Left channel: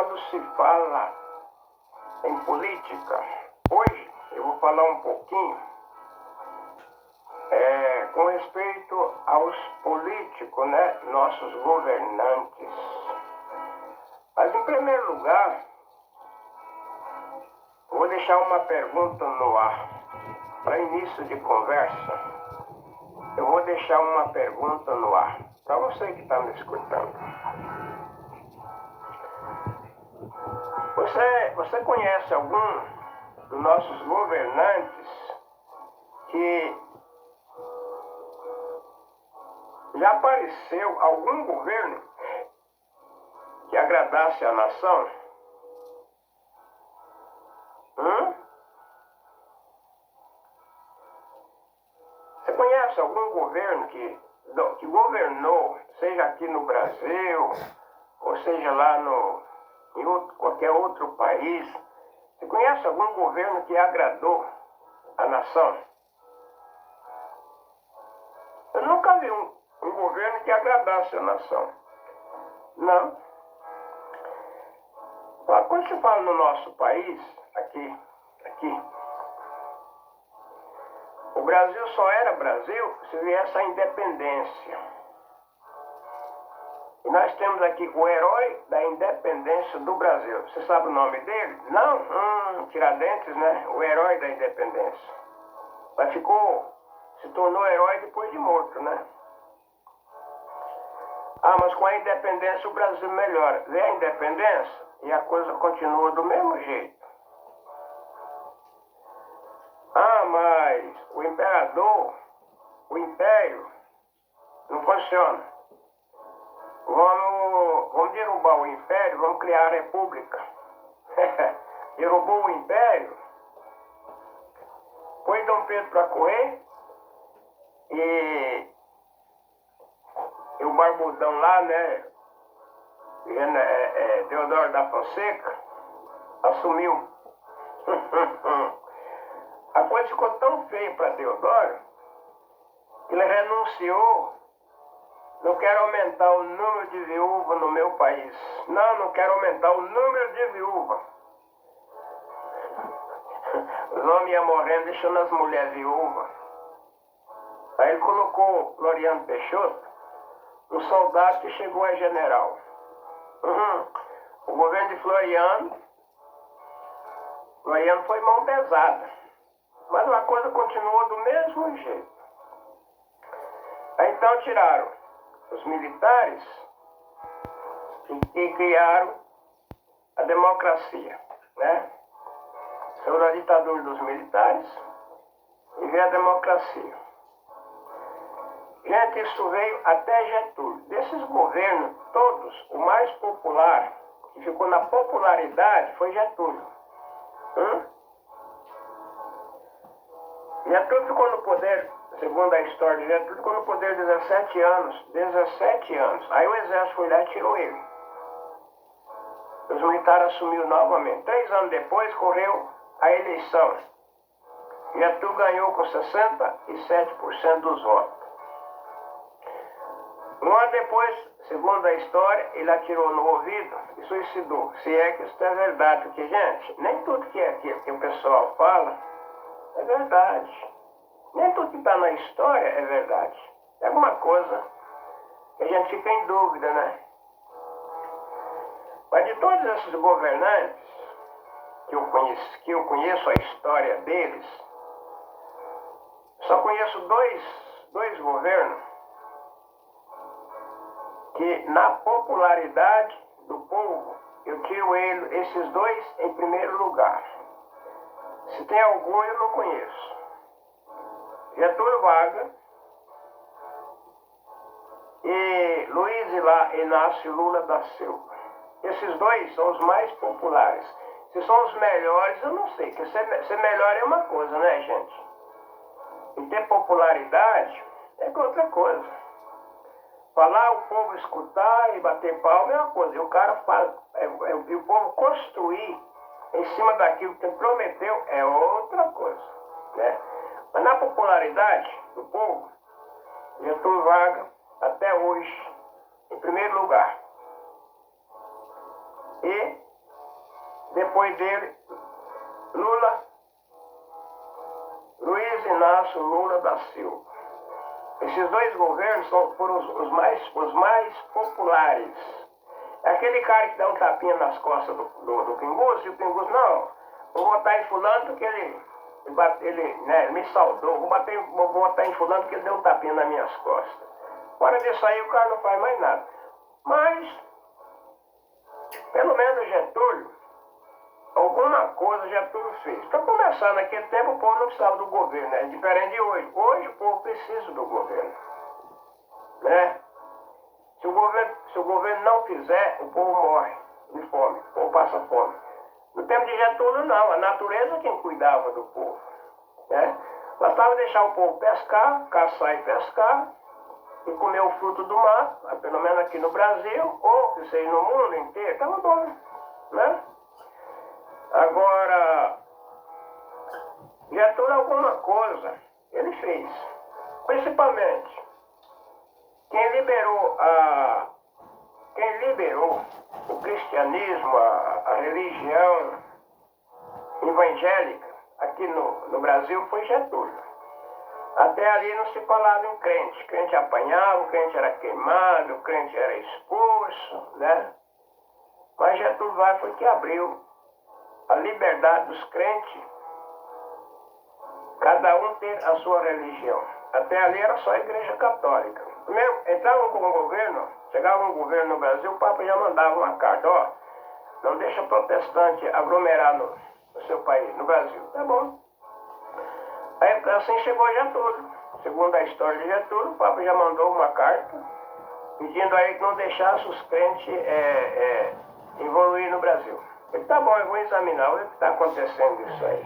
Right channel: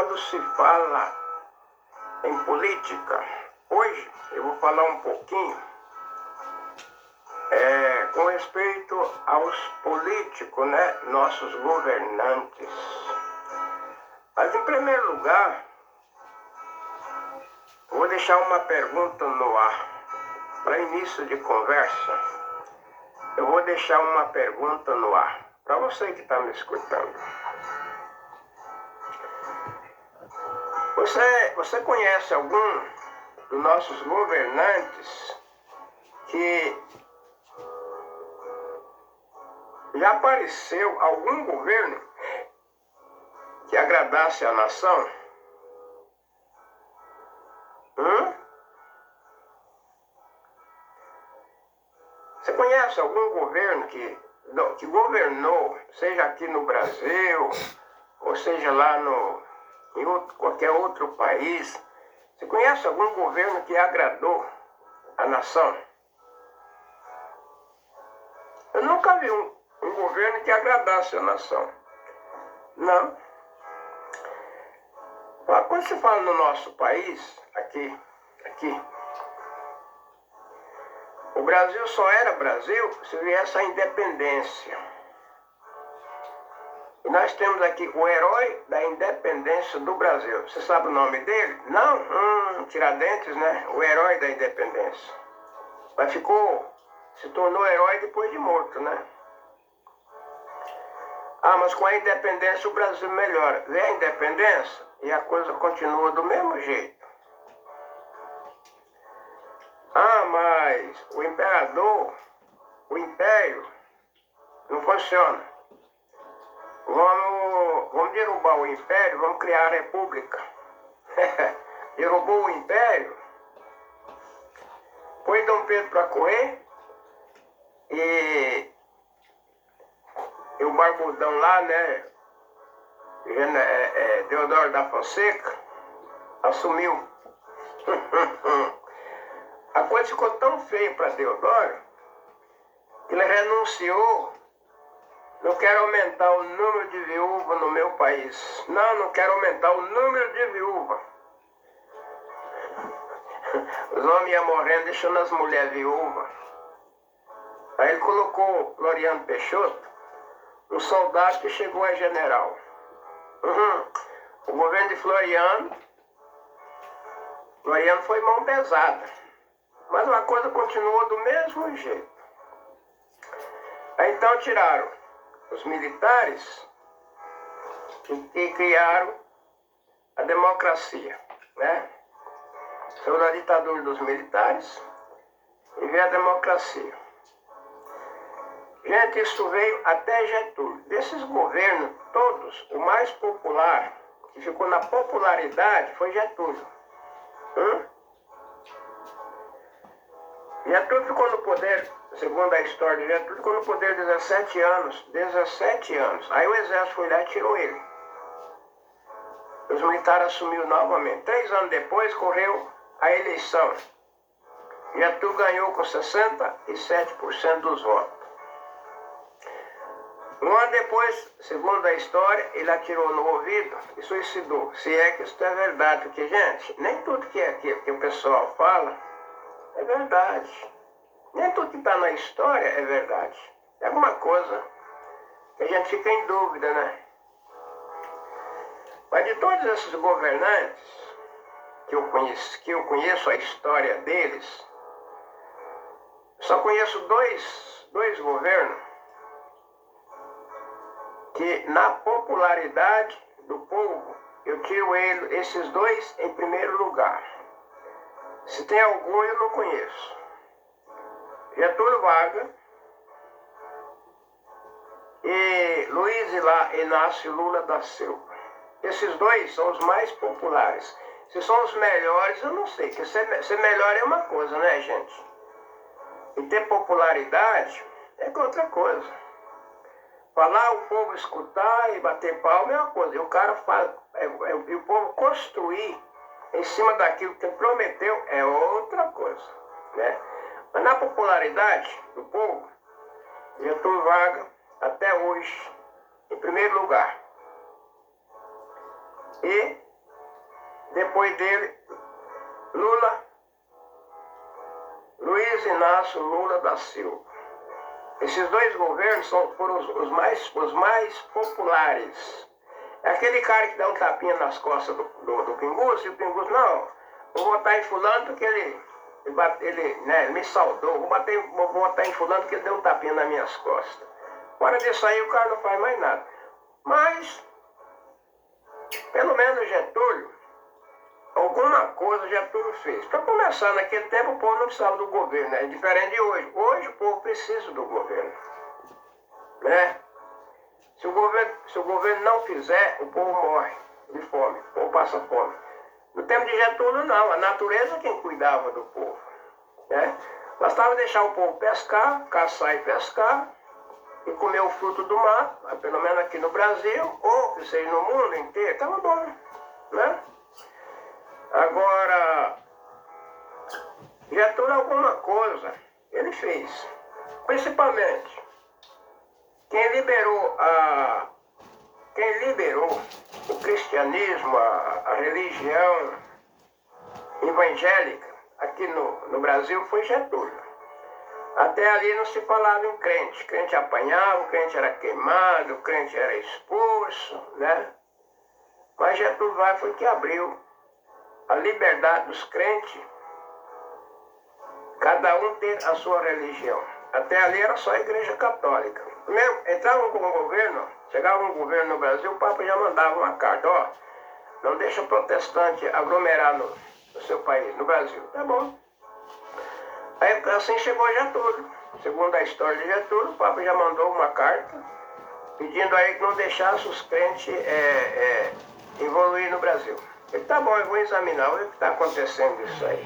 quando se fala em política, hoje eu vou falar um pouquinho com respeito aos políticos, né, nossos governantes. Mas em primeiro lugar, vou deixar uma pergunta no ar. Para início de conversa, eu vou deixar uma pergunta no ar para você que está me escutando. Você conhece algum dos nossos governantes que já apareceu algum governo que agradasse a nação? Você conhece algum governo que governou, seja aqui no Brasil, ou seja lá em qualquer outro país? Você conhece algum governo que agradou a nação? Eu nunca vi um governo que agradasse a nação. Não. Quando se fala no nosso país, aqui, o Brasil só era Brasil se viesse a independência. E nós temos aqui o herói da independência do Brasil. Você sabe o nome dele? Não? Tiradentes, né? O herói da independência. Mas se tornou herói depois de morto, né? Mas com a independência o Brasil melhora. Vê a independência e a coisa continua do mesmo jeito. Mas o império não funciona. Vamos derrubar o império, vamos criar a república. Derrubou o império, pôs Dom Pedro para correr e o barbudão lá, né, Deodoro da Fonseca, assumiu. A coisa ficou tão feia para Deodoro que ele renunciou. Não quero aumentar o número de viúvas no meu país. Não quero aumentar o número de viúvas. Os homens iam morrendo, deixando as mulheres viúvas. Aí ele colocou Floriano Peixoto, um soldado que chegou a general. O governo de Floriano foi mão pesada. Mas uma coisa continuou do mesmo jeito. Aí então tiraram os militares e criaram a democracia, né? Saiu da ditadura dos militares e veio a democracia. Gente, isso veio até Getúlio. Desses governos todos, o mais popular, que ficou na popularidade, foi Getúlio. Getúlio ficou no poder, segundo a história de Getúlio, ficou no poder 17 anos. 17 anos. Aí o exército foi lá e tirou ele. Os militares assumiram novamente. 3 anos depois, correu a eleição. Getúlio ganhou com 67% dos votos. Um ano depois, segundo a história, ele atirou no ouvido e suicidou. Se é que isso é verdade, porque, gente, nem tudo que o pessoal fala é verdade. Nem tudo que está na história é verdade. É alguma coisa que a gente fica em dúvida, né? Mas de todos esses governantes que eu conheço a história deles, só conheço dois governos que na popularidade do povo eu tiro esses dois em primeiro lugar. Se tem algum eu não conheço. Getúlio Vargas e Luiz Inácio Lula da Silva. Esses dois são os mais populares. Se são os melhores, eu não sei. Porque ser melhor é uma coisa, né, gente? E ter popularidade é outra coisa. Falar, o povo escutar e bater palma é uma coisa. E o cara fala, e o povo construir em cima daquilo que prometeu é outra coisa, né? Mas na popularidade do povo, Getúlio Vargas, até hoje, em primeiro lugar. E Depois dele, Luiz Inácio Lula da Silva. Esses dois governos foram os mais populares. É aquele cara que dá um tapinha nas costas do Pinguço, e o Pinguço, não, vou votar em fulano porque ele me saudou, vou votar em fulano porque ele deu um tapinha nas minhas costas. Fora disso aí, o cara não faz mais nada. Mas, pelo menos Getúlio, alguma coisa Getúlio fez. Para começar, naquele tempo o povo não precisava do governo, é diferente de hoje. Hoje o povo precisa do governo, né? Se o governo não fizer, o povo morre de fome, o povo passa fome. No tempo de Getúlio não, a natureza é quem cuidava do povo, né? Bastava deixar o povo pescar, caçar e pescar, e comer o fruto do mar, pelo menos aqui no Brasil, ou que seja no mundo inteiro, estava bom, né? Agora, Getúlio alguma coisa ele fez. Principalmente, quem liberou o cristianismo, a religião evangélica aqui no Brasil foi Getúlio. Até ali não se falava em crente. Crente apanhava, o crente era queimado, o crente era expulso, né? Mas Getúlio Vargas foi que abriu a liberdade dos crentes, cada um ter a sua religião. Até ali era só a igreja católica. Entrava um governo, chegava um governo no Brasil, o Papa já mandava uma carta, ó, não deixa protestante aglomerar no seu país, no Brasil. Tá bom. Aí assim chegou Getúlio. Segundo a história de Getúlio, o Papa já mandou uma carta pedindo aí que não deixasse os crentes evoluir no Brasil. Ele, tá bom, eu vou examinar o que está acontecendo isso aí.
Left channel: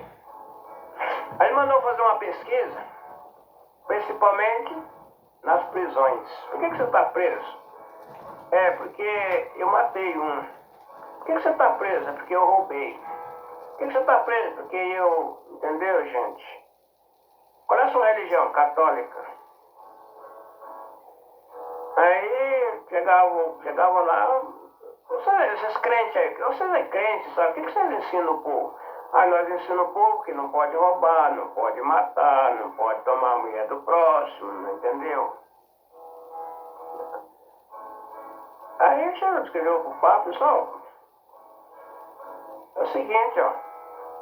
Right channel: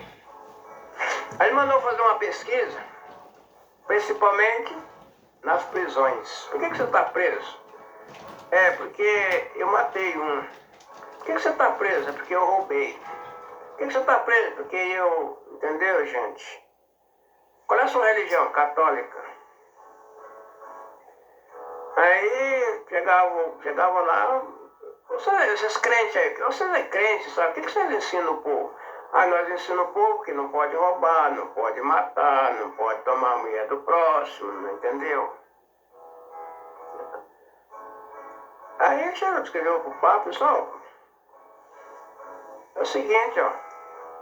Aí ele mandou fazer uma pesquisa, principalmente nas prisões. Por que você está preso? É, porque eu matei um. Por que você está preso? É porque eu roubei. Por que você está preso? Porque eu... Entendeu, gente? Qual é a sua religião? Católica. Aí chegava lá, esses crentes aí, vocês é crente, sabe? O que vocês ensinam o povo? Ah, nós ensinamos o povo que não pode roubar, não pode matar, não pode tomar a mulher do próximo, entendeu? Aí ele chegou, escreveu pro Papa, pessoal, é o seguinte, ó,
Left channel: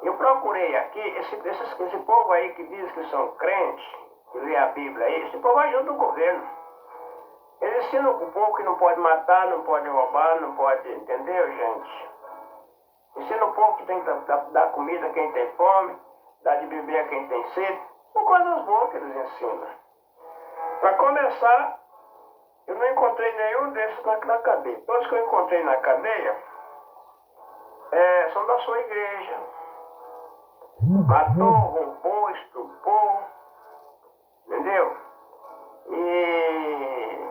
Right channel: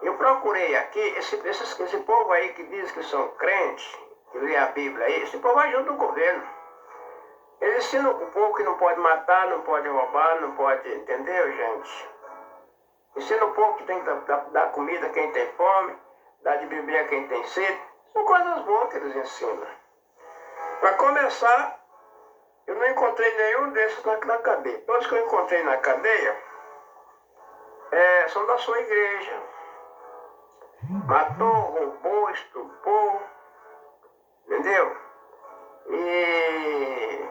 eu procurei aqui, esse povo aí que diz que são crentes, que lê a Bíblia aí, esse povo ajuda o governo. Eles ensinam o povo que não pode matar, não pode roubar, não pode, entendeu, gente? Ensina o povo que tem que dar comida a quem tem fome, dar de beber a quem tem sede. São coisas boas que eles ensinam. Para começar, eu não encontrei nenhum desses na cadeia. Todos que eu encontrei na cadeia são da sua igreja. Matou, roubou, estuprou, entendeu? E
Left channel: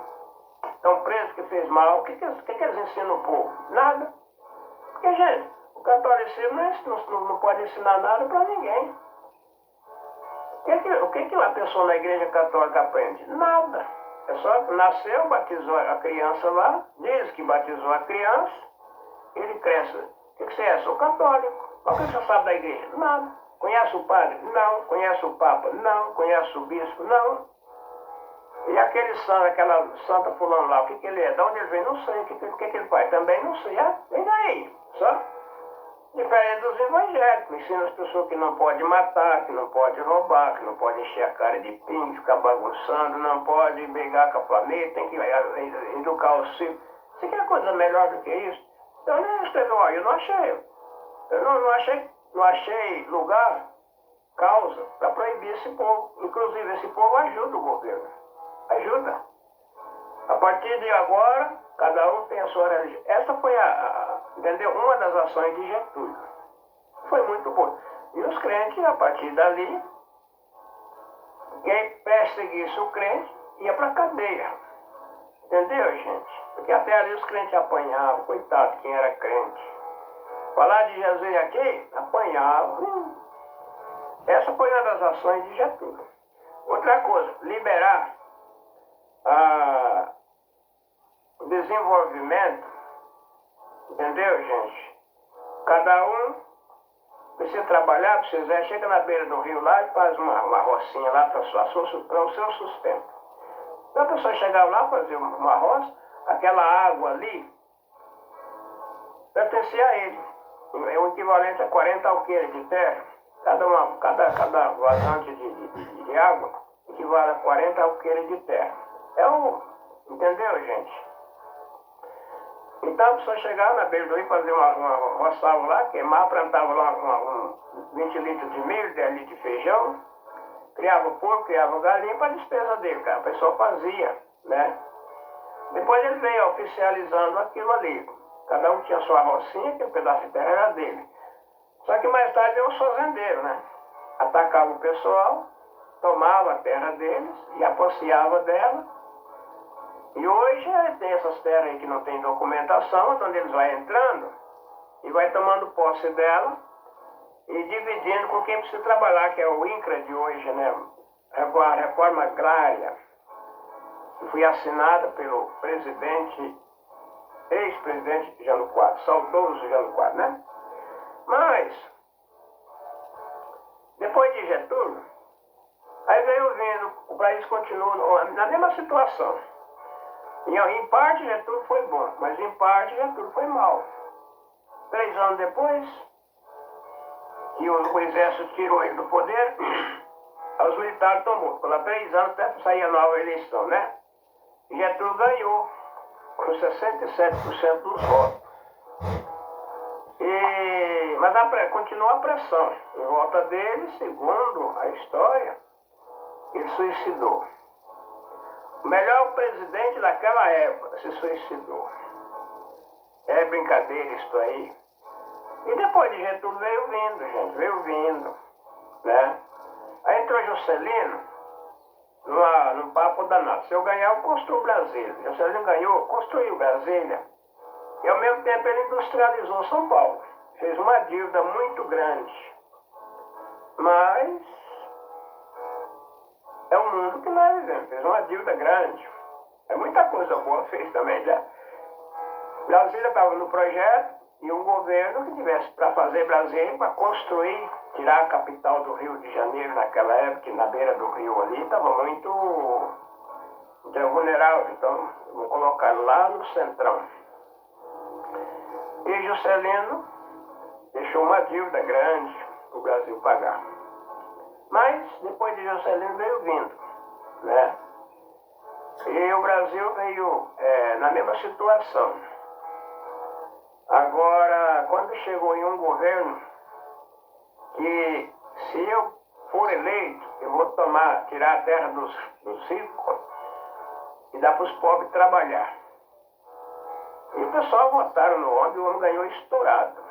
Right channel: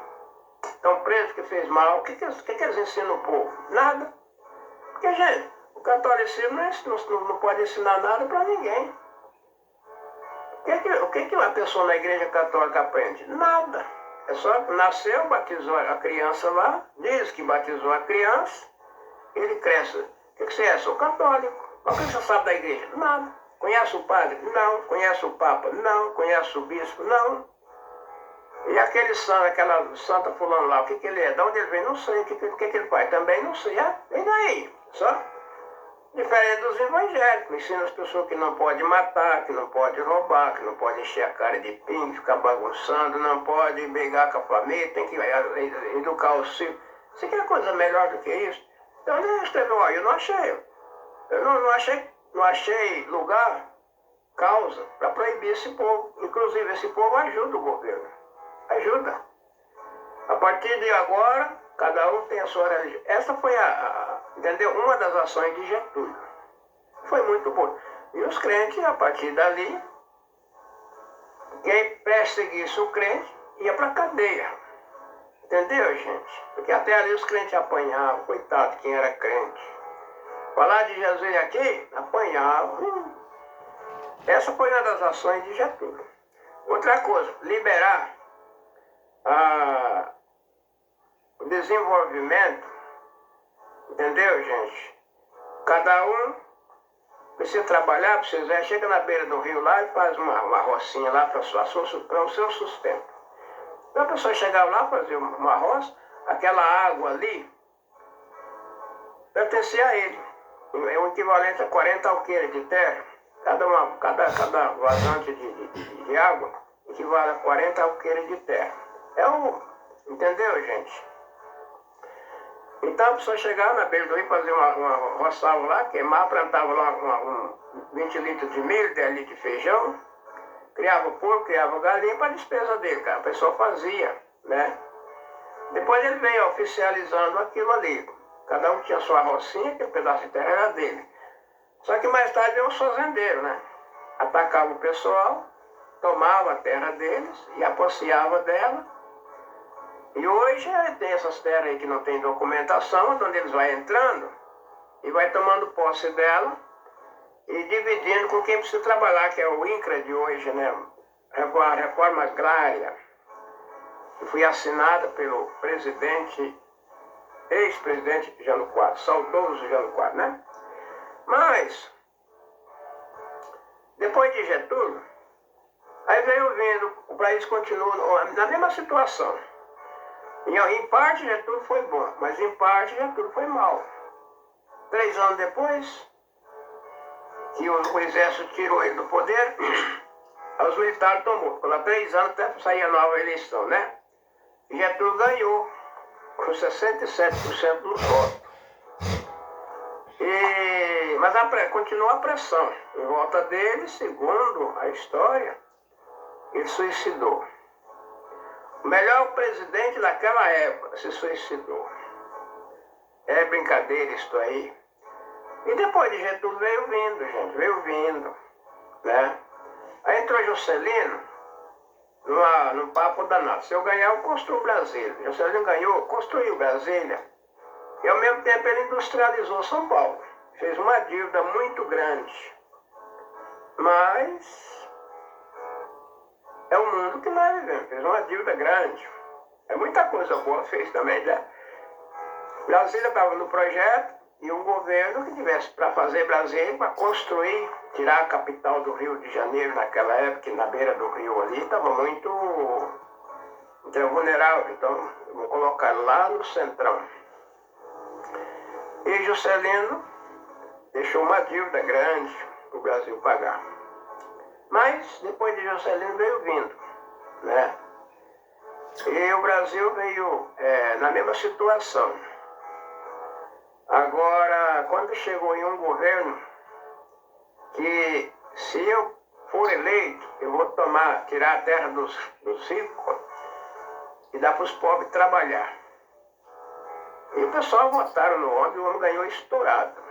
estão presos porque fez mal. O que eles ensinam o povo? Nada. Porque, gente, o catolicismo não pode ensinar nada para ninguém. O que uma pessoa na igreja católica aprende? Nada. É só nasceu, batizou a criança lá, diz que batizou a criança, ele cresce. O que você é? Sou católico. Mas o que você sabe da igreja? Nada. Conhece o padre? Não. Conhece o papa? Não. Conhece o bispo? Não. E aquele santo, aquela santa fulano lá, o que ele é? De onde ele vem? Não sei. O que ele faz? Também não sei. E daí? Só? Diferente dos evangélicos. Ensina as pessoas que não pode matar, que não pode roubar, que não pode encher a cara de pingo, ficar bagunçando, não pode brigar com a família, tem que educar os filhos. Você quer coisa melhor do que isso? Então ele escreveu, ó, eu não achei. Eu não achei lugar, causa, para proibir esse povo. Inclusive, esse povo ajuda o governo. Ajuda. A partir de agora, cada um tem a sua religião. Essa foi entendeu? Uma das ações de Getúlio. Foi muito boa. E os crentes, a partir dali, quem perseguisse o crente, ia para a cadeia. Entendeu, gente? Porque até ali os crentes apanhavam. Coitado, quem era crente. Falar de Jesus aqui, apanhava. Essa foi uma das ações de Getúlio. Outra coisa, liberar o desenvolvimento, entendeu, gente? Cada um precisa trabalhar, precisa, chega na beira do rio lá e faz uma rocinha lá para o seu sustento. Então a pessoa chegava lá, fazia uma roça, aquela água ali pertencia a ele. É o equivalente a 40 alqueires de terra. Cada vazante de água equivale a 40 alqueires de terra. Entendeu, gente? Então a pessoa chegava na beira do rio, fazia uma roçava lá, queimava, plantava lá 20 litros de milho, 10 litros de feijão, criava porco, criava galinha para a despesa dele, cara. A pessoa fazia, né? Depois ele veio oficializando aquilo ali. Cada um tinha sua rocinha, que o pedaço de terra era dele. Só que mais tarde veio os fazendeiros, né? Atacava o pessoal, tomava a terra deles e apossava dela. E hoje tem essas terras aí que não tem documentação, onde eles vão entrando e vai tomando posse dela e dividindo com quem precisa trabalhar, que é o INCRA de hoje, né? A reforma agrária, que foi assinada pelo ex-presidente Jânio Quadros, saudoso Jânio Quadros, né? Mas, depois de Getúlio, aí veio vindo, o país continua na mesma situação. Em parte Getúlio foi bom, mas em parte Getúlio foi mal. 3 anos depois, que o exército tirou ele do poder, os militares tomou. Ficou lá 3 anos até sair a nova eleição, né? E Getúlio ganhou com 67% dos votos. Mas continuou a pressão. Em volta dele, segundo a história, ele suicidou. O melhor presidente daquela época se suicidou. É brincadeira isso aí. E depois de Getúlio veio vindo, gente, veio vindo, né? Aí entrou Juscelino num papo danado. Se eu ganhar, eu construo Brasília. Juscelino ganhou, construiu Brasília. E ao mesmo tempo ele industrializou São Paulo. Fez uma dívida muito grande. Mas é o mundo que nós vivemos. Fez uma dívida grande. É muita coisa boa fez também, né? Brasília estava no projeto e um governo que tivesse para fazer Brasília, para construir, tirar a capital do Rio de Janeiro naquela época, que na beira do rio ali estava muito vulnerável. Então, vou colocar lá no centrão. E Juscelino deixou uma dívida grande para o Brasil pagar. Mas depois de Juscelino veio vindo, né? E o Brasil veio na mesma situação. Agora, quando chegou em um governo que se eu for eleito, eu vou tirar a terra dos ricos e dar para os pobres trabalhar. E o pessoal votaram no homem e o homem ganhou estourado.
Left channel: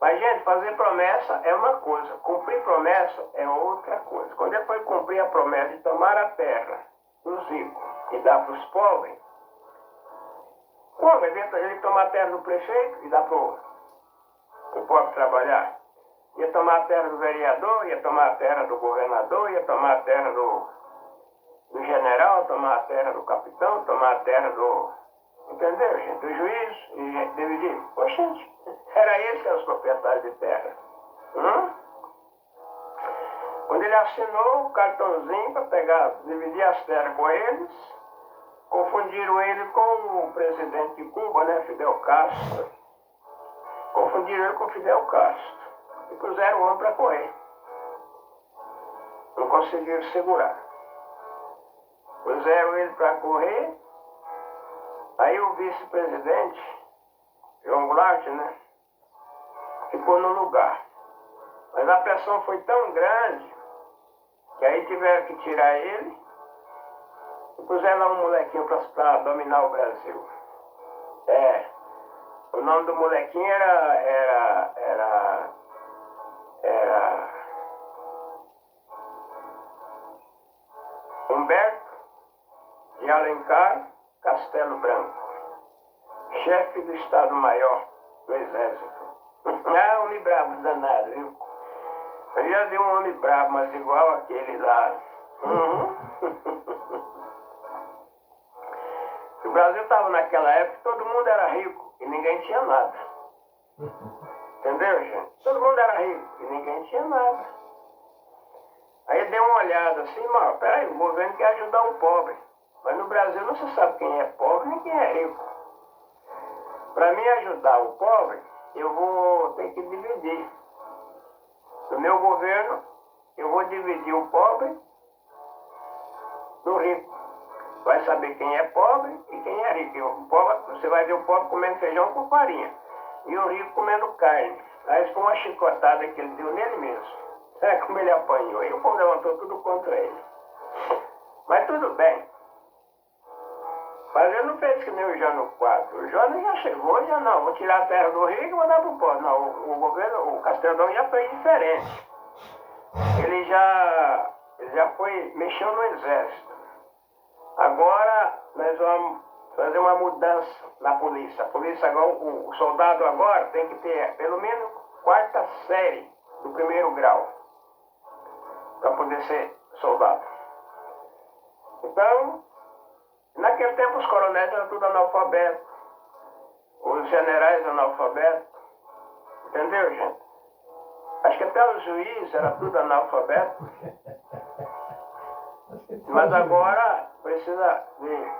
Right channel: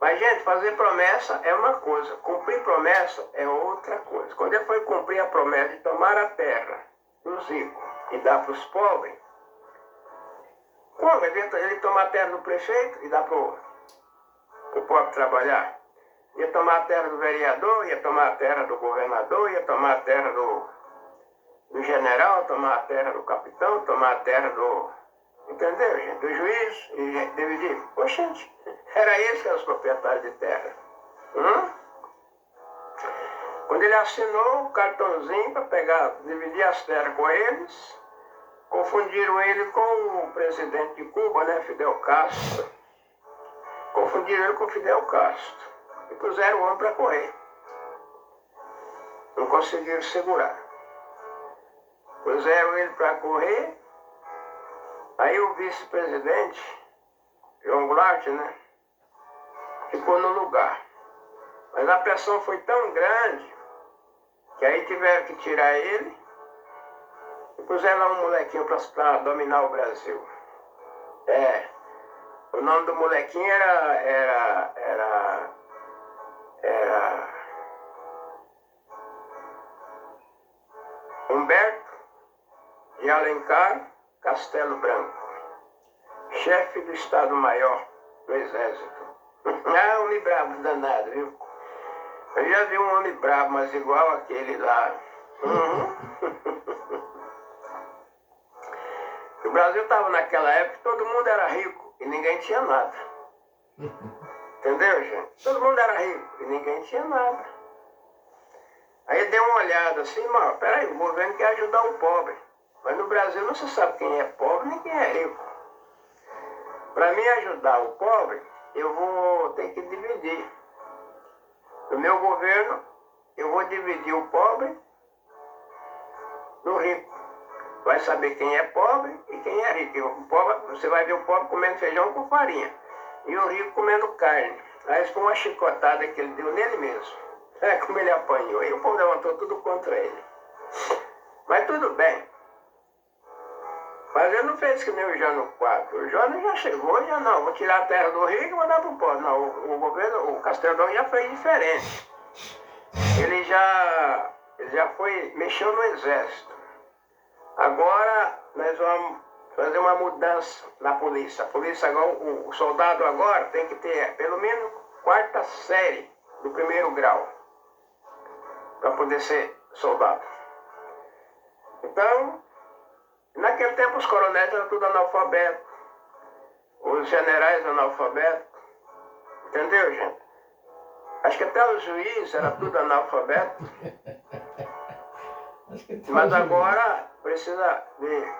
Mas, gente, fazer promessa é uma coisa, cumprir promessa é outra coisa. Quando ele foi cumprir a promessa de tomar a terra dos ricos e dar para os pobres, como? Ele tomar a terra do prefeito e dar para o pobre trabalhar? Ia tomar a terra do vereador, ia tomar a terra do governador, ia tomar a terra do general, tomar a terra do capitão, tomar a terra do... Entendeu, gente? Do juiz e dividir. Oxente, era esse que eram os proprietários de terra. Quando ele assinou o cartãozinho para dividir as terras com eles, confundiram ele com o presidente de Cuba, né, Fidel Castro. Confundiram ele com Fidel Castro. E puseram o homem para correr. Não conseguiram segurar. Puseram ele para correr. Aí o vice-presidente, João Goulart, né, ficou no lugar. Mas a pressão foi tão grande que aí tiveram que tirar ele e puseram lá um molequinho para dominar o Brasil. O nome do molequinho era Humberto de Alencar Castelo Branco, chefe do Estado-Maior do Exército. Homem bravo danado, viu? Eu já vi um homem bravo, mas igual aquele lá. O Brasil estava naquela época, todo mundo era rico e ninguém tinha nada. Entendeu, gente? Todo mundo era rico e ninguém tinha nada. Aí ele deu uma olhada assim, mas peraí, o governo quer ajudar o pobre. Mas no Brasil não se sabe quem é pobre nem quem é rico. Para mim ajudar o pobre, eu vou ter que dividir. No meu governo, eu vou dividir o pobre do rico. Vai saber quem é pobre e quem é rico. O pobre, você vai ver o pobre comendo feijão com farinha e o rico comendo carne. Aí foi uma chicotada que ele deu nele mesmo. É como ele apanhou. E o povo levantou tudo contra ele. Mas tudo bem. Mas ele não fez que nem o Jânio Quadro. O Jânio já chegou, já não. Vou tirar a terra do rico e mandar para o pobre. Não, o governo, o Castelão já fez diferente. Ele já foi, mexeu no exército. Agora nós vamos fazer uma mudança na polícia. A polícia agora, o soldado agora tem que ter pelo menos quarta série do primeiro grau para poder ser soldado. Então, naquele tempo os coronéis eram tudo analfabetos, os generais analfabetos, entendeu, gente? Acho que até os juízes eram tudo analfabetos. Mas agora precisa de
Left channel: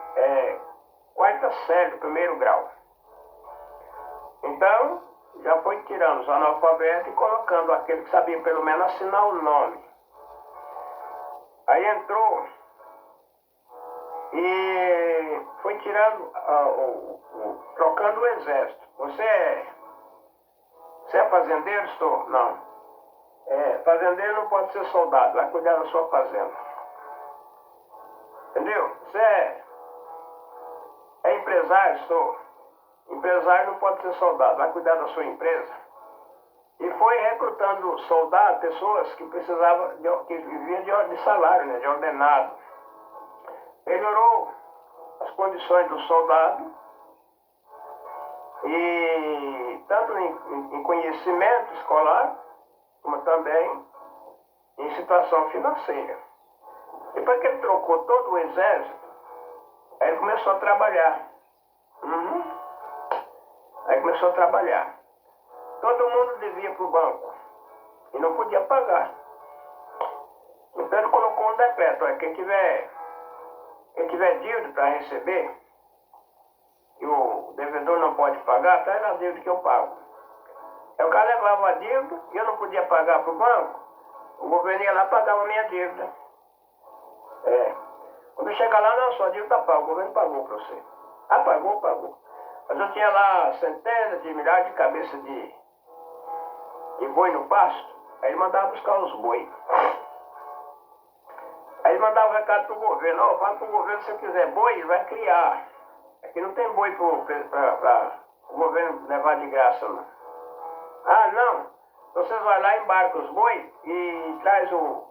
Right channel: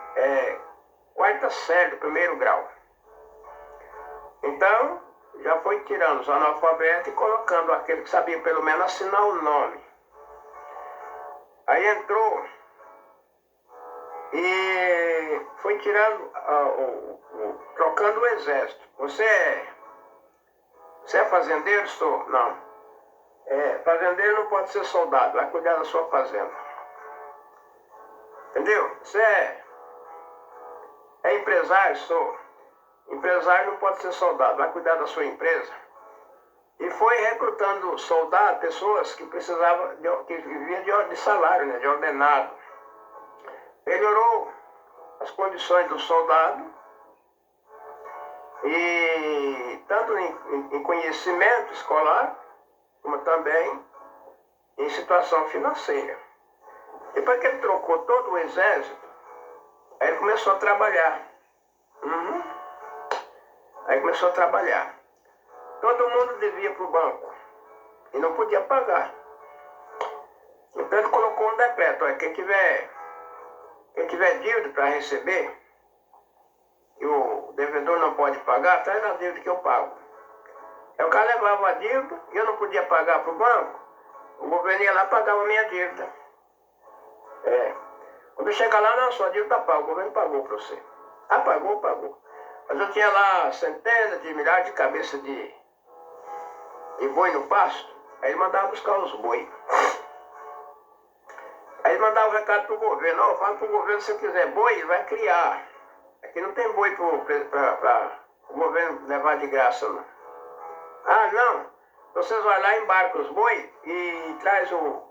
quarta série do primeiro grau. Então, já foi tirando os analfabetos e colocando aquele que sabia pelo menos assinar o nome. Aí entrou e foi tirando, trocando o exército. Você é fazendeiro? Sou? Não. Fazendeiro não pode ser soldado, vai cuidar da sua fazenda. Entendeu? Você é empresário? Sou. Empresário não pode ser soldado, vai cuidar da sua empresa. E foi recrutando soldados, pessoas que precisavam, que viviam de salário, né, de ordenado. Melhorou as condições do soldado, e tanto em conhecimento escolar, como também em situação financeira. Depois que ele trocou todo o exército, aí ele começou a trabalhar. Aí começou a trabalhar. Todo mundo devia para o banco e não podia pagar. Então ele colocou um decreto: quem tiver dívida para receber, e o devedor não pode pagar, traz a dívida que eu pago. Aí o cara levava a dívida e eu não podia pagar para o banco, o governo ia lá e pagava a minha dívida. Quando chega lá, não, sua dívida está paga, o governo pagou para você. Ah, pagou. Mas eu tinha lá centenas de milhares de cabeças de boi no pasto, aí ele mandava buscar os boi. Aí ele mandava um recado pro governo: ó, fala pro governo, se eu quiser boi, ele vai criar. Aqui não tem boi para o governo levar de graça, não. Ah, não, vocês vão lá, embarcam os boi e traz o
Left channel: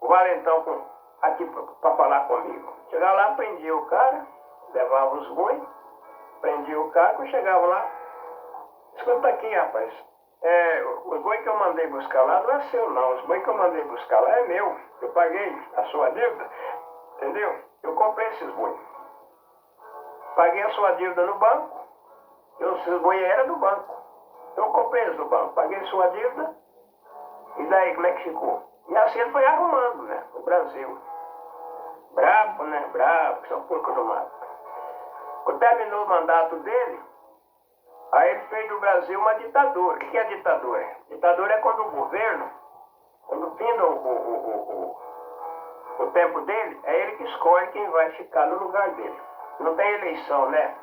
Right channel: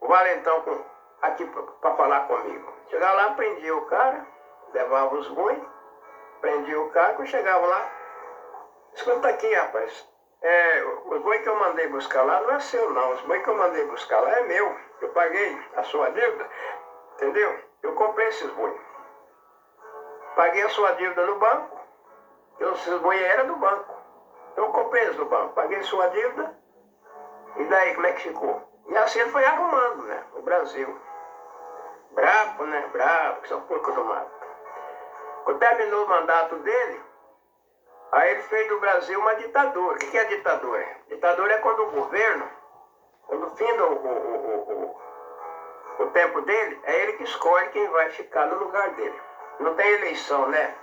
valentão aqui para falar comigo. Chegava lá, prendia o cara, levava os boi, prendia o cara, quando chegava lá: escuta aqui, rapaz, o boi que eu mandei buscar lá não é seu, não. Os boi que eu mandei buscar lá é meu. Eu paguei a sua dívida, entendeu? Eu comprei esses boi. Paguei a sua dívida no banco, esses boi eram do banco. Eu comprei eles no banco, paguei sua dívida, e daí como é que ficou? E assim ele foi arrumando, né, o Brasil. Brabo, né? Brabo, que são porco do mato. Quando terminou o mandato dele, aí ele fez do Brasil uma ditadura. O que é ditadura? Ditadura é quando o governo, quando finda o tempo dele, é ele que escolhe quem vai ficar no lugar dele. Não tem eleição, né?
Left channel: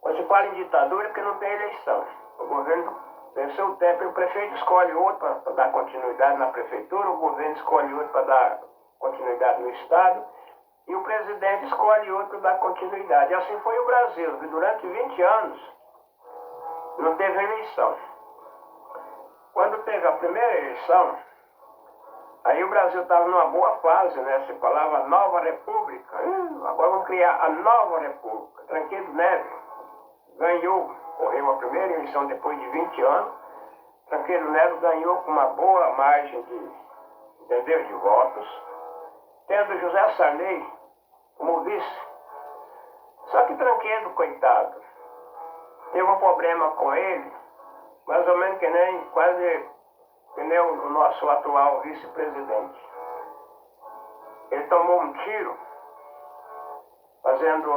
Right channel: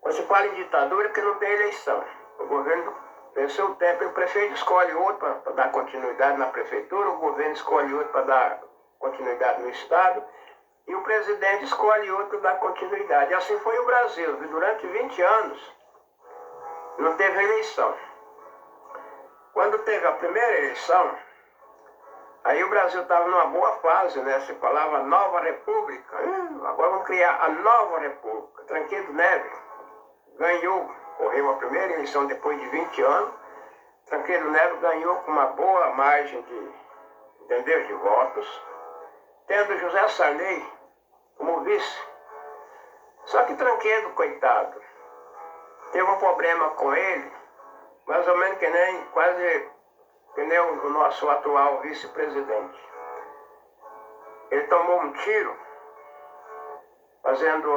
Quando se fala em ditadura é porque não tem eleição. O governo venceu o tempo, o prefeito escolhe outro para dar continuidade na prefeitura, o governo escolhe outro para dar continuidade no estado, e o presidente escolhe outro para dar continuidade. E assim foi o Brasil. Durante 20 anos não teve eleição. Quando teve a primeira eleição, aí o Brasil estava numa boa fase, né? Se falava Nova República. Agora vamos criar a Nova República. Tancredo Neves ganhou, correu a primeira eleição depois de 20 anos. Tancredo Neves ganhou com uma boa margem de votos, tendo José Sarney como vice. Só que Tancredo, coitado, teve um problema com ele, mais ou menos que nem, quase que nem o nosso atual vice-presidente. Ele tomou um tiro, fazendo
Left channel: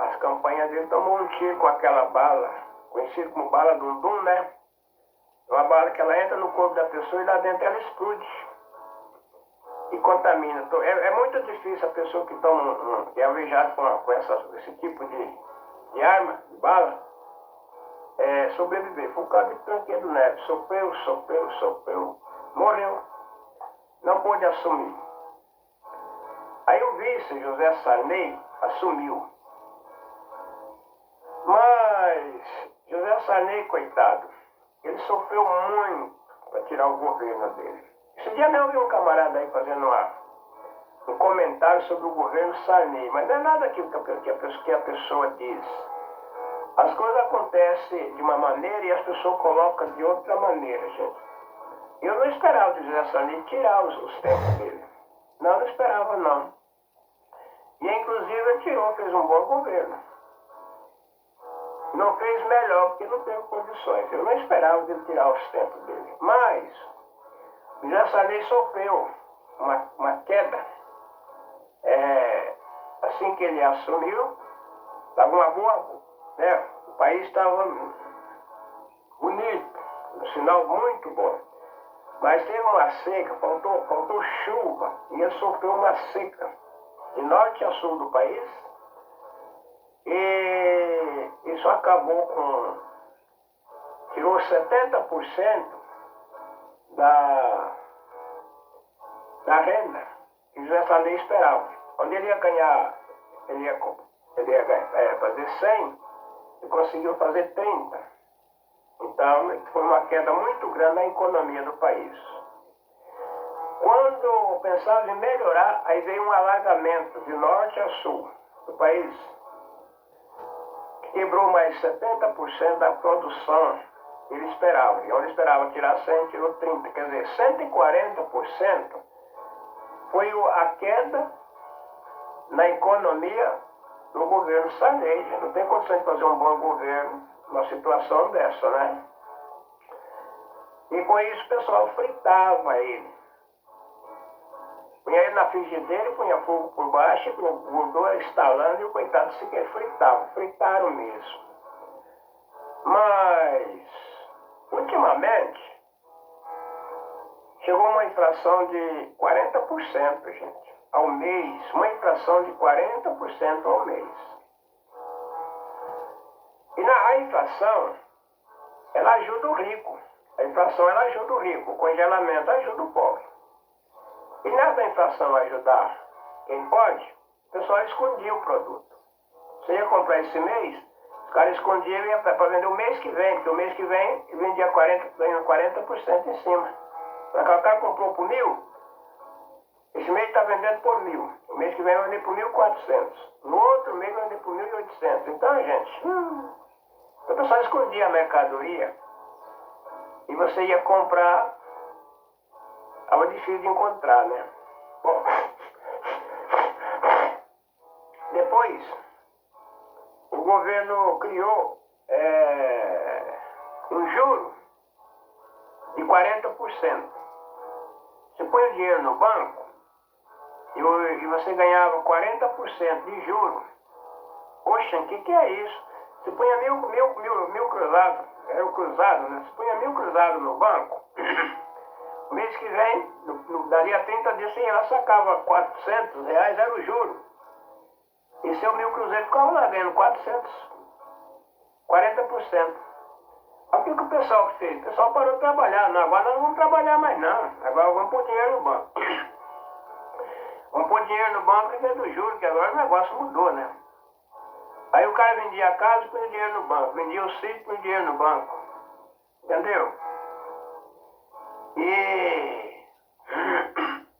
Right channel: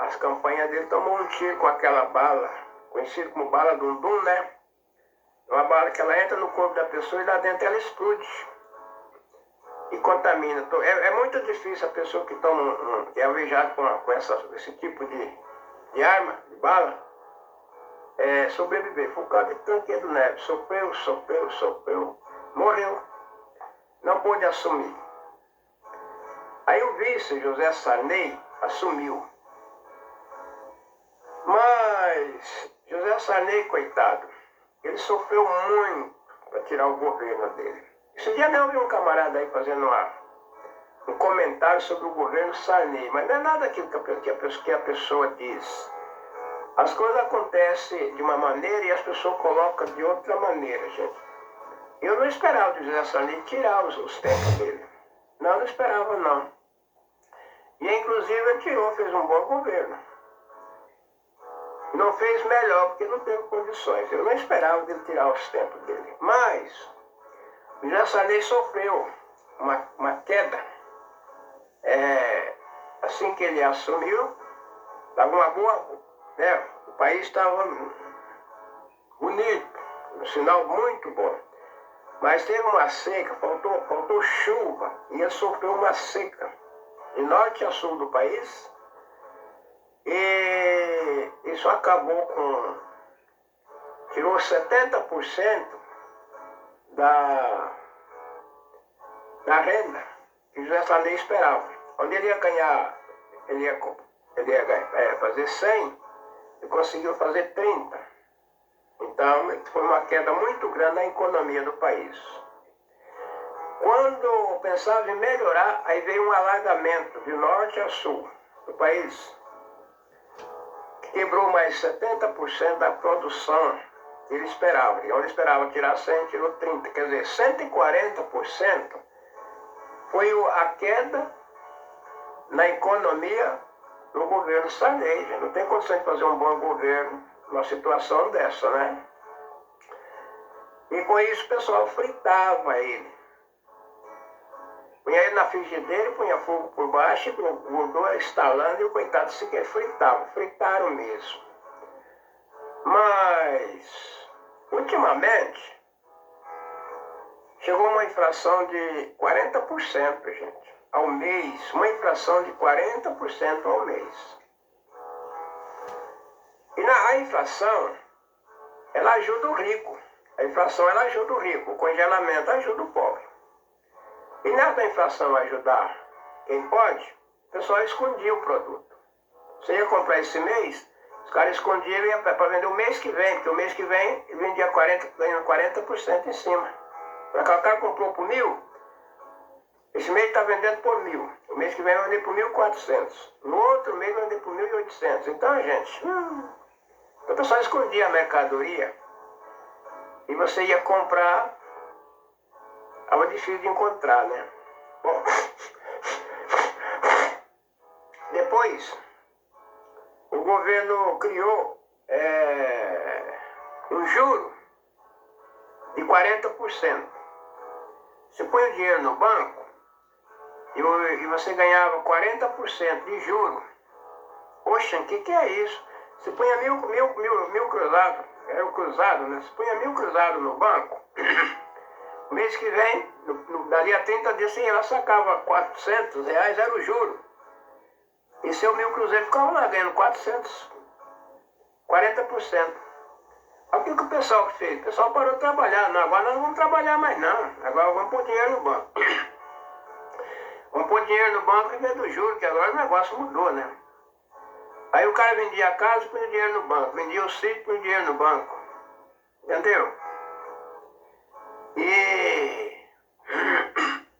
as campanhas dele, tomou um tiro com aquela bala, conhecida como bala Dundum, né? Uma bala que ela entra no corpo da pessoa e lá dentro ela explode e contamina. É muito difícil a pessoa que toma que é alvejada com esse tipo de arma, de bala, sobreviver. Por causa de Tancredo Neves. Sofreu, morreu. Não pôde assumir. Aí o vice, José Sarney, assumiu. Mas José Sarney, coitado, ele sofreu muito para tirar o governo dele. Esse dia mesmo eu vi um camarada aí fazendo um comentário sobre o governo Sarney, mas não é nada aquilo que a pessoa diz. As coisas acontecem de uma maneira e as pessoas colocam de outra maneira, gente. Eu não esperava o José Sarney tirar os tempos dele. Não esperava, não. E inclusive ele tirou, fez um bom governo. Não fez melhor porque não teve condições. Eu não esperava dele tirar os tempos dele. Mas o José Sarney sofreu uma queda. Assim que ele assumiu, estava uma boa, né? O país estava bonito, um sinal muito bom. Mas teve uma seca, faltou chuva, e ele sofreu uma seca de norte a sul do país. E isso acabou tirou 70% da renda que o José Sarney esperava. Onde ele ia ganhar, ele ia fazer 100, ele conseguiu fazer 30. Então, foi uma queda muito grande na economia do país. Quando pensava em melhorar, aí veio um alagamento de norte a sul do país. Quebrou mais 70% da produção que ele esperava. E onde esperava tirar 100, tirou 30. Quer dizer, 140% foi a queda na economia do governo Sarney. Não tem condição de fazer um bom governo numa situação dessa, né? E com isso o pessoal fritava ele. Punha ele na frigideira, punha fogo por baixo, punha gordura estalando e o coitado sequer fritava. Fritaram mesmo. Mas, ultimamente, chegou uma inflação de 40%, gente, ao mês. Uma inflação de 40% ao mês. E a inflação, ela ajuda o rico. A inflação, ela ajuda o rico. O congelamento ajuda o pobre. E nada da inflação ajudar quem pode, o pessoal escondia o produto. Você ia comprar esse mês, os caras escondiam para vender o mês que vem, porque o mês que vem ele vendia 40% em cima. Para cá o cara comprou por 1.000, esse mês está vendendo por 1.000. O mês que vem vai vender por 1.400. No outro mês vai vender por 1.800. Então, gente, o pessoal escondia a mercadoria e você ia comprar. Estava difícil de encontrar, né? Bom, depois, o governo criou um juro de 40%. Você põe o dinheiro no banco e você ganhava 40% de juro. Poxa, o que é isso? Você punha mil cruzado, era o cruzado, né? Você punha 1.000 cruzado no banco. Mês que vem, dali a 30 dias, ela sacava R$400, era o juro. E seu 1.000 cruzeiros ficava lá ganhando 40%. Aí o que o pessoal fez? O pessoal parou de trabalhar. Não, agora nós não vamos trabalhar mais não. Agora vamos pôr dinheiro no banco. Vamos pôr dinheiro no banco em vez do juro, que agora o negócio mudou, né? Aí o cara vendia a casa e põe dinheiro no banco. Vendia o sítio e põe dinheiro no banco. Entendeu? E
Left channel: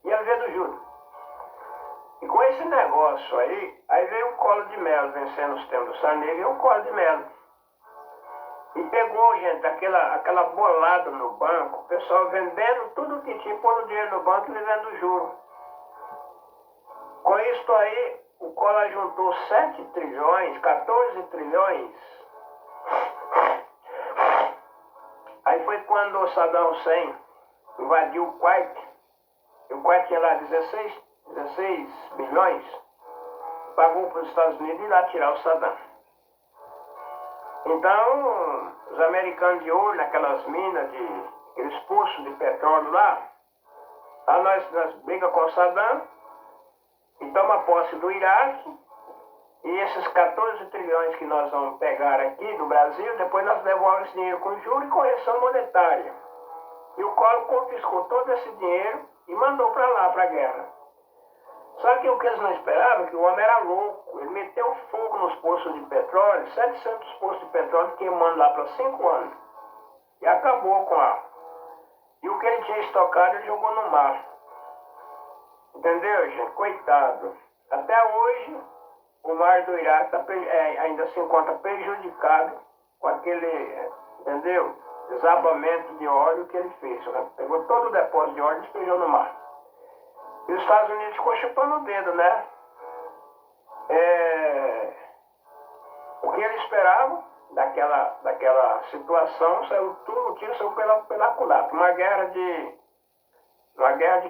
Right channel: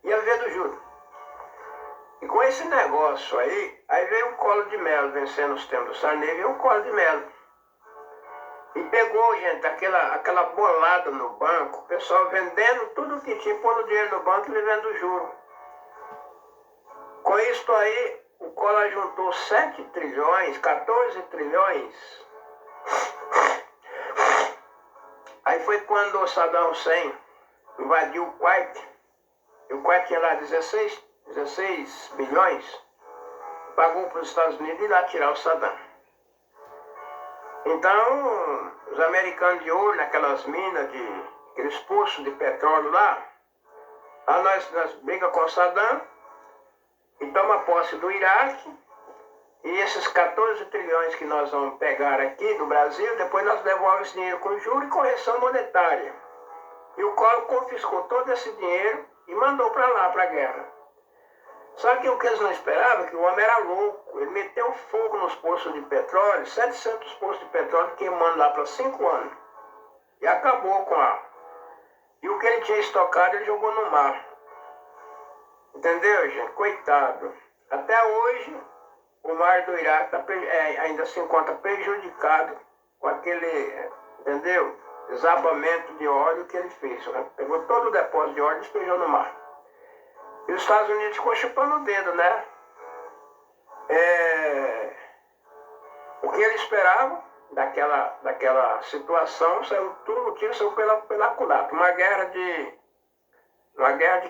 ia viver do juro. E com esse negócio aí veio um Collor de Mello, vencendo os tempos do Sarney, veio um Collor de Mello. E pegou, gente, aquela bolada no banco, o pessoal vendendo tudo que tinha, pondo dinheiro no banco e vivendo o juro. Com isso aí, o Collor juntou 7 trilhões, 14 trilhões Aí foi quando o Saddam Hussein invadiu o Kuwait. E o Kuwait tinha lá 16 bilhões. Pagou para os Estados Unidos ir lá tirar o Saddam. Então, os americanos de olho naquelas minas, aqueles poços de petróleo lá, nós briga com o Saddam e toma posse do Iraque, e esses 14 trilhões que nós vamos pegar aqui do Brasil, depois nós levamos esse dinheiro com juros e correção monetária. E o Collor confiscou todo esse dinheiro e mandou para lá, para a guerra. Só que o que eles não esperavam é que o homem era louco. Ele meteu fogo nos poços de petróleo, 700 poços de petróleo queimando lá para 5 anos. E acabou com a... E o que ele tinha estocado, ele jogou no mar. Entendeu, gente? Coitado. Até hoje, o mar do Iraque ainda se encontra prejudicado com aquele, entendeu? Desabamento de óleo que ele fez. Né? Pegou todo o depósito de óleo e despejou no mar. E os Estados Unidos ficou chupando o dedo, né? O que ele esperava daquela situação, saiu tudo no tiro, saiu pela culatra. Uma guerra de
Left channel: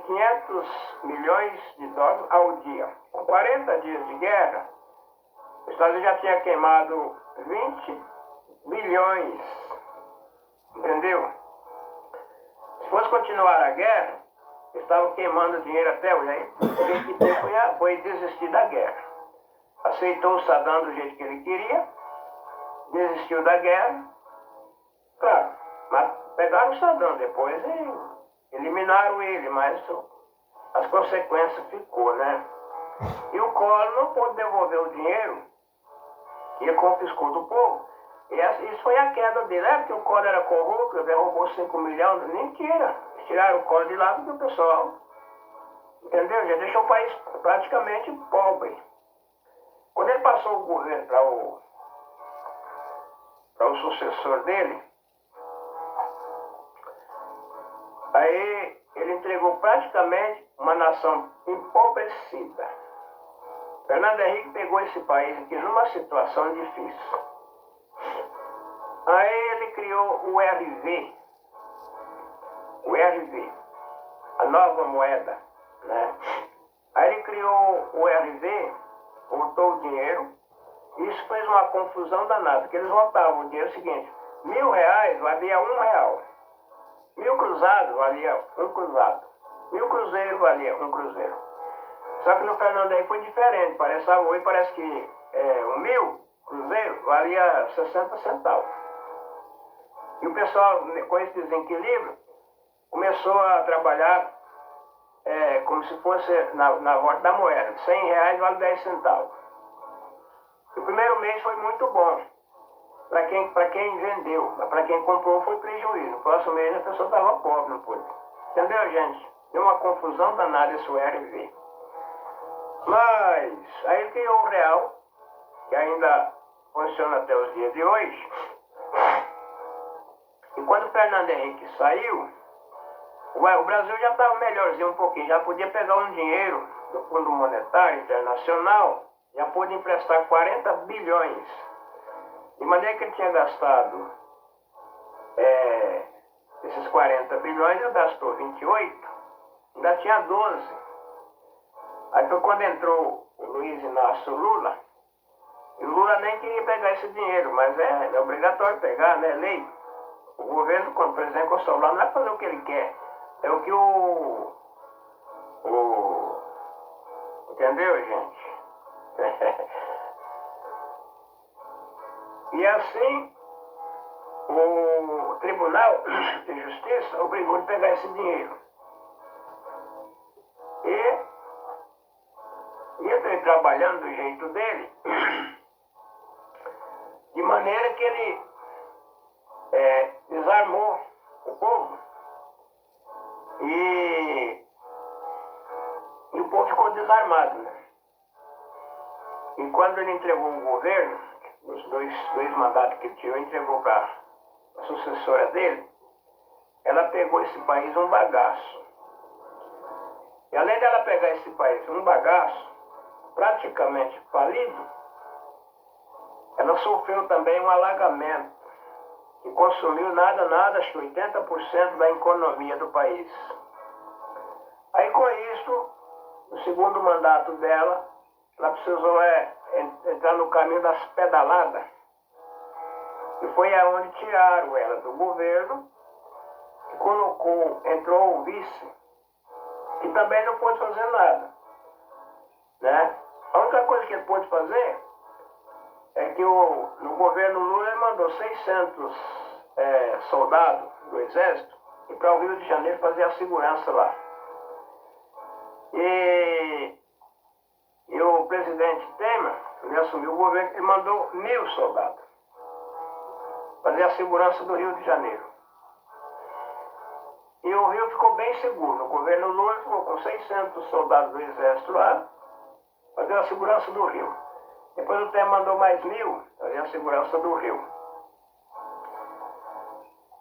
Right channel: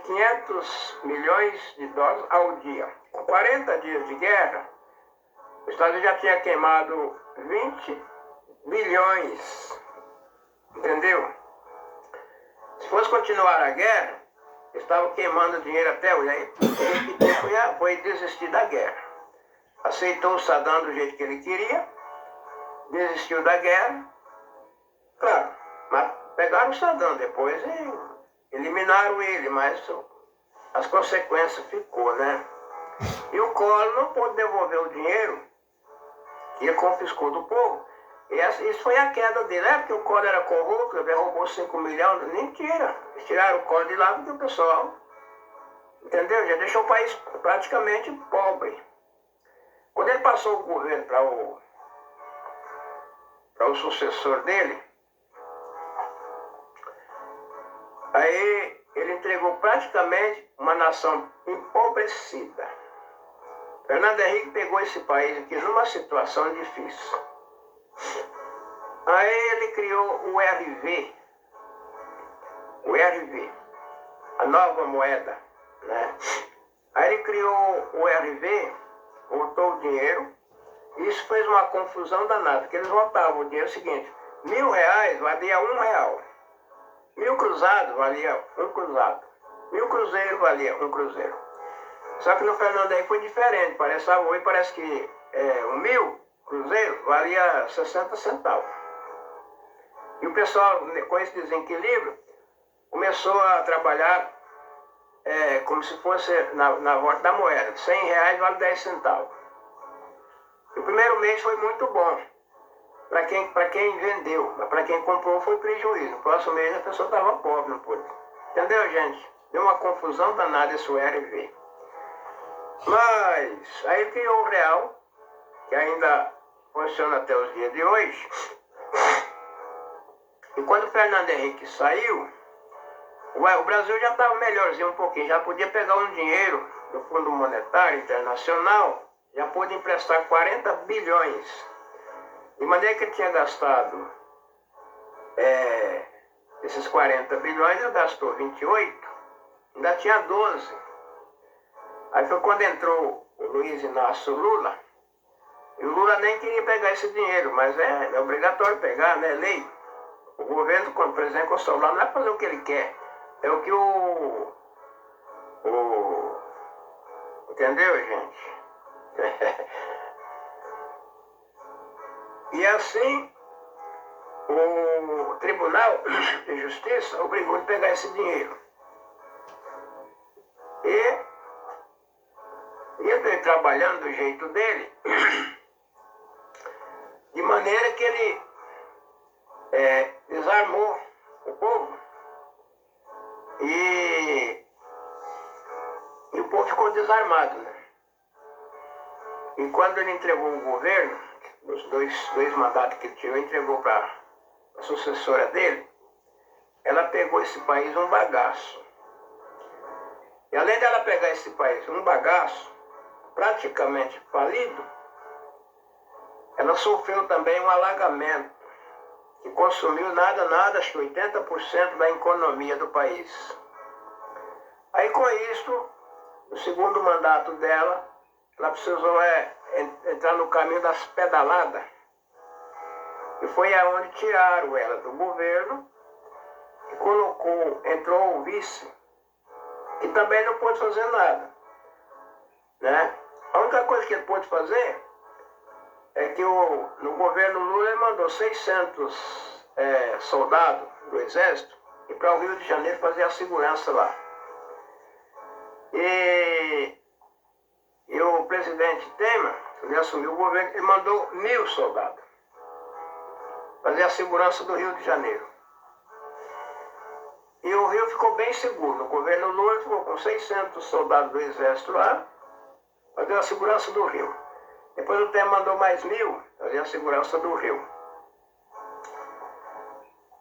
500 milhões de dólares ao dia. Com 40 dias de guerra, os Estados Unidos já tinha queimado 20 bilhões. Entendeu? Se fosse continuar a guerra, estavam queimando dinheiro até hoje. Aí o que foi desistir da guerra. Aceitou o Saddam do jeito que ele queria, desistiu da guerra. Claro, mas pegaram o Saddam depois e eliminaram ele, mas as consequências ficou, né? E o Collor não pôde devolver o dinheiro que ele confiscou do povo. E isso foi a queda dele. É porque o Collor era corrupto, ele roubou 5 milhões. Mentira. Eles tiraram o Collor de lá porque o pessoal, entendeu? Já deixou o país praticamente pobre. Quando ele passou o governo para o sucessor dele, aí ele entregou praticamente uma nação empobrecida. Fernando Henrique pegou esse país aqui numa situação difícil. Aí ele criou o RV, a nova moeda, né? Aí ele criou o RV, botou o dinheiro, e isso fez uma confusão danada, porque eles votavam o dinheiro seguinte: R$1.000 valia R$1. 1.000 cruzados valia um cruzado. 1.000 cruzeiros valia um cruzeiro. Só que no Fernando Henrique foi diferente, parece que 1.000 cruzeiro valia 60 centavos. E o pessoal, com esse desequilíbrio, começou a trabalhar como se fosse na volta da moeda. R$100 vale 10 centavos. E o primeiro mês foi muito bom para quem vendeu, mas para quem comprou foi prejuízo. No próximo mês a pessoa estava pobre, não pôde. Entendeu, gente? Deu uma confusão danada esse RV. Mas aí criou o real, que ainda funciona até os dias de hoje. E quando o Fernando Henrique saiu, o Brasil já estava melhorzinho um pouquinho, já podia pegar um dinheiro do Fundo Monetário Internacional, já pôde emprestar 40 bilhões. De maneira que ele tinha gastado esses 40 bilhões, ele gastou 28, ainda tinha 12. Aí foi quando entrou o Luiz Inácio Lula, e o Lula nem queria pegar esse dinheiro, mas é obrigatório pegar, né? Lei. O governo, quando o presidente encostou lá, não é fazer o que ele quer, é o que entendeu, gente? E assim, o Tribunal de Justiça obrigou ele a pegar esse dinheiro. E ele trabalhando do jeito dele, de maneira que ele desarmou o povo. E o povo ficou desarmado, né? E quando ele entregou o governo, os dois mandatos que ele tirou, entregou para a sucessora dele, ela pegou esse país um bagaço. E além dela pegar esse país um bagaço, praticamente falido, ela sofreu também um alagamento. que consumiu nada, acho que 80% da economia do país. Aí com isso, no segundo mandato dela, ela precisou entrar no caminho das pedaladas. E foi aonde tiraram ela do governo e entrou o vice, que também não pôde fazer nada. Né? A única coisa que ele pôde fazer é que no governo Lula ele mandou 600 soldados do exército ir para o Rio de Janeiro fazer a segurança lá. E o presidente Temer, ele assumiu o governo, ele mandou 1.000 soldados fazer a segurança do Rio de Janeiro. E o Rio ficou bem seguro. O governo Lula ficou com 600 soldados do exército lá, fazer a segurança do Rio. Depois o Temer mandou mais 1.000 fazer a segurança do Rio.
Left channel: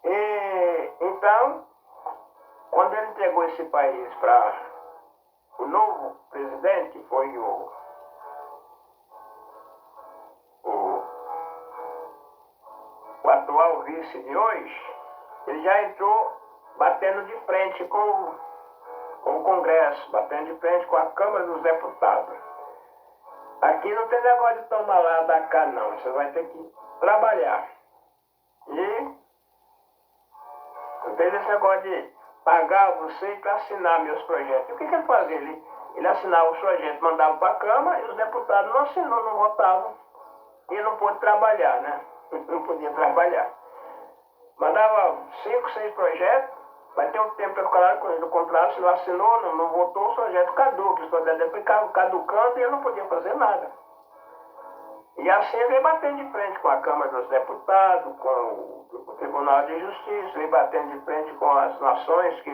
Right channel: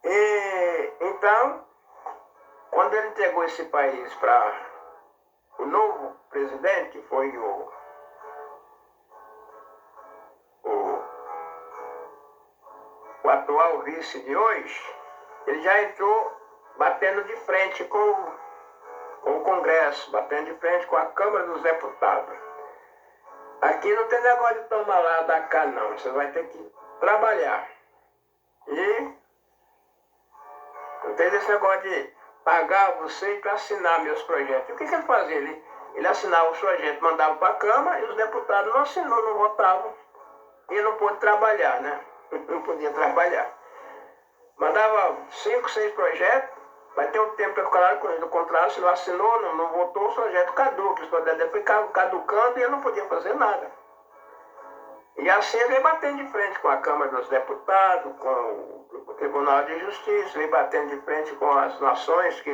E então, quando ele entregou esse país para o novo presidente, que foi o atual vice de hoje, ele já entrou batendo de frente com o Congresso, batendo de frente com a Câmara dos Deputados. Aqui não tem negócio de tomar lá da cá, não. Você vai ter que trabalhar. E não tem esse negócio de pagar você para assinar meus projetos. O que ele fazia? Ele assinava os projetos, mandava para a Câmara e os deputados não assinou, não votavam. E não pôde trabalhar, né? Não podia trabalhar. Mandava 5, 6 projetos, vai ter um tempo para ficar com ele. Do contrário, se não assinou, não votou, o projeto caduca. Os projetos ficavam caducando e ele não podia fazer nada. E assim ele veio batendo de frente com a Câmara dos Deputados, com o Tribunal de Justiça, veio batendo de frente com as nações que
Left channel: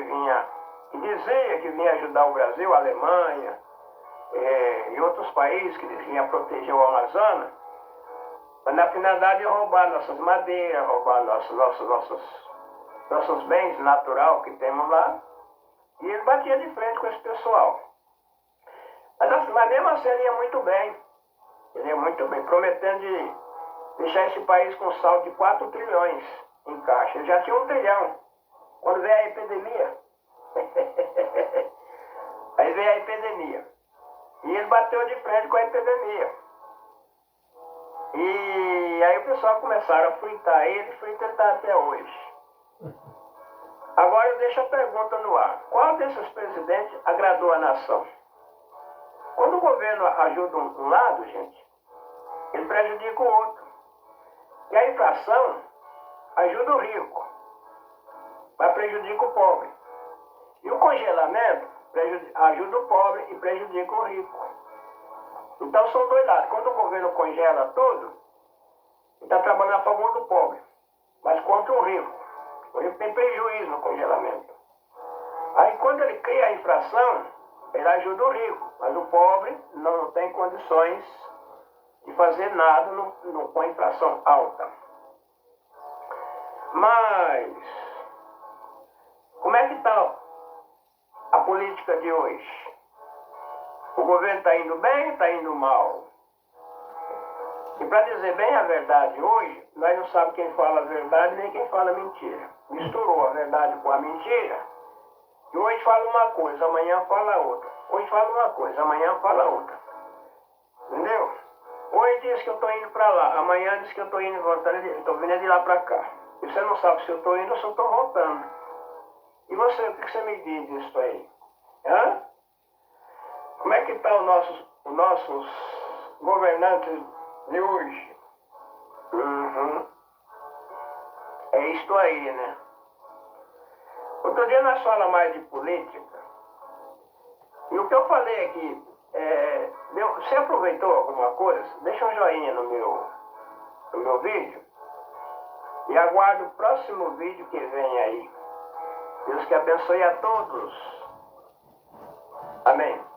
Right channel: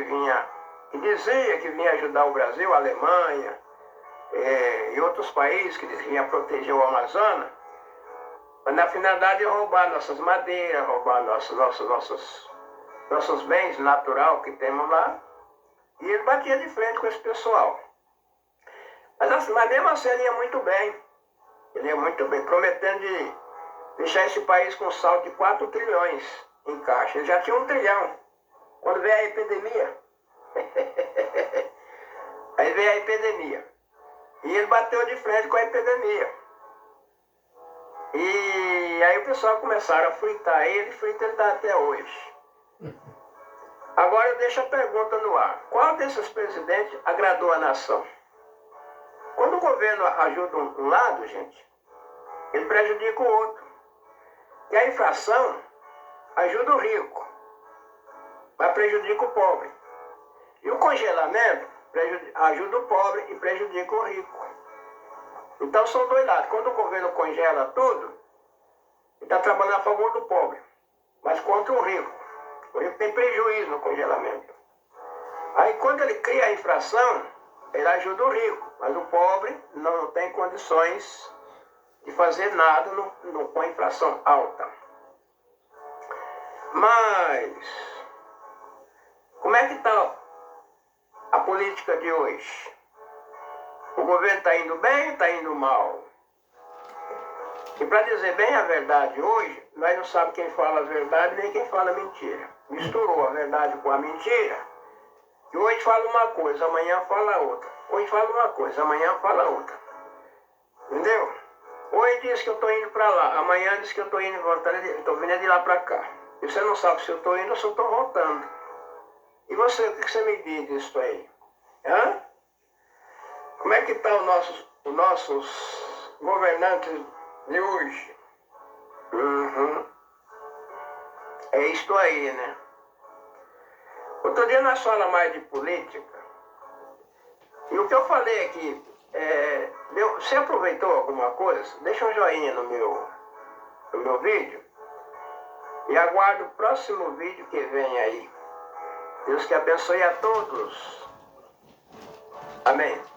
dizia que vinha ajudar o Brasil, a Alemanha e outros países que diziam que vinha proteger o Amazonas, mas na finalidade de roubar nossas madeiras, roubar nossos bens naturais que temos lá, e ele batia de frente com esse pessoal. Mas mesmo assim ele ia muito bem, prometendo de deixar esse país com saldo de 4 trilhões em caixa. Ele já tinha 1 trilhão. Quando veio a epidemia, aí veio a epidemia. E ele bateu de frente com a epidemia. E aí o pessoal começaram a fritar ele, frita ele tá até hoje. Agora eu deixo a pergunta no ar. Qual desses presidentes agradou a nação? Quando o governo ajuda um lado, gente, ele prejudica o outro. E a inflação ajuda o rico, mas prejudica o pobre. E o congelamento ajuda o pobre e prejudica o rico. Então são dois lados. Quando o governo congela tudo, ele está trabalhando a favor do pobre, mas contra o rico. O rico tem prejuízo no congelamento. Aí quando ele cria a inflação, ele ajuda o rico, mas o pobre não tem condições de fazer nada com a inflação alta. Mas como é que está a política de hoje? O governo está indo bem ou está indo mal? E para dizer bem a verdade hoje, nós não sabemos quem fala a verdade nem quem fala a mentira. Misturou a verdade com a mentira. E hoje fala uma coisa, amanhã fala outra. Hoje fala uma coisa, amanhã fala outra. Entendeu? Hoje diz que eu estou indo para lá, amanhã diz que eu estou indo e voltando, estou vindo de lá para cá. E você não sabe se eu estou indo ou se eu estou voltando. E você, o que você me diz disso aí? Hã? Como é que estão os nossos governantes de hoje? É isto aí, né? Outro dia nós falamos mais de política. E o que eu falei aqui, você aproveitou alguma coisa? Deixa um joinha no meu vídeo. E aguardo o próximo vídeo que vem aí. Deus que abençoe a todos. Amém.